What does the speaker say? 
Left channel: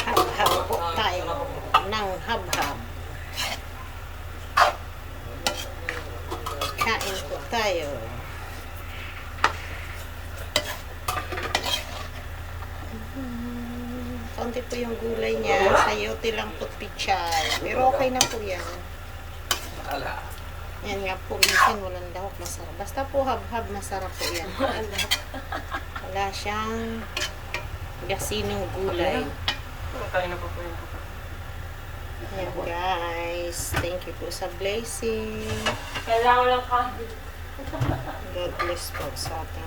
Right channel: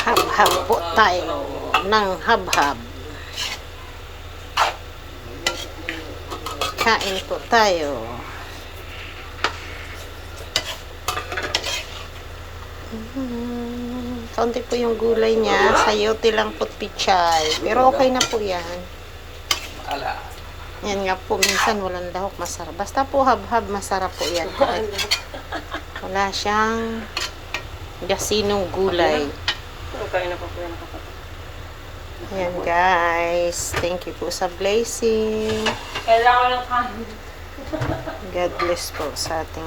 Hab-hab po tayo ng hab-hab. Kain po tayo. Kaunti po yung gulay niya. Sayote lang po pichay. Pero okay na po yan. Yan nga po. Minsan walang lahok. Masarap. Basta po hab-hab. Masarap po yan. Wala siyang gasinong gulay. Kain na pa po yan. Yan guys. Thank you po sa blessing. Kailangan lang kain. God bless po sa ating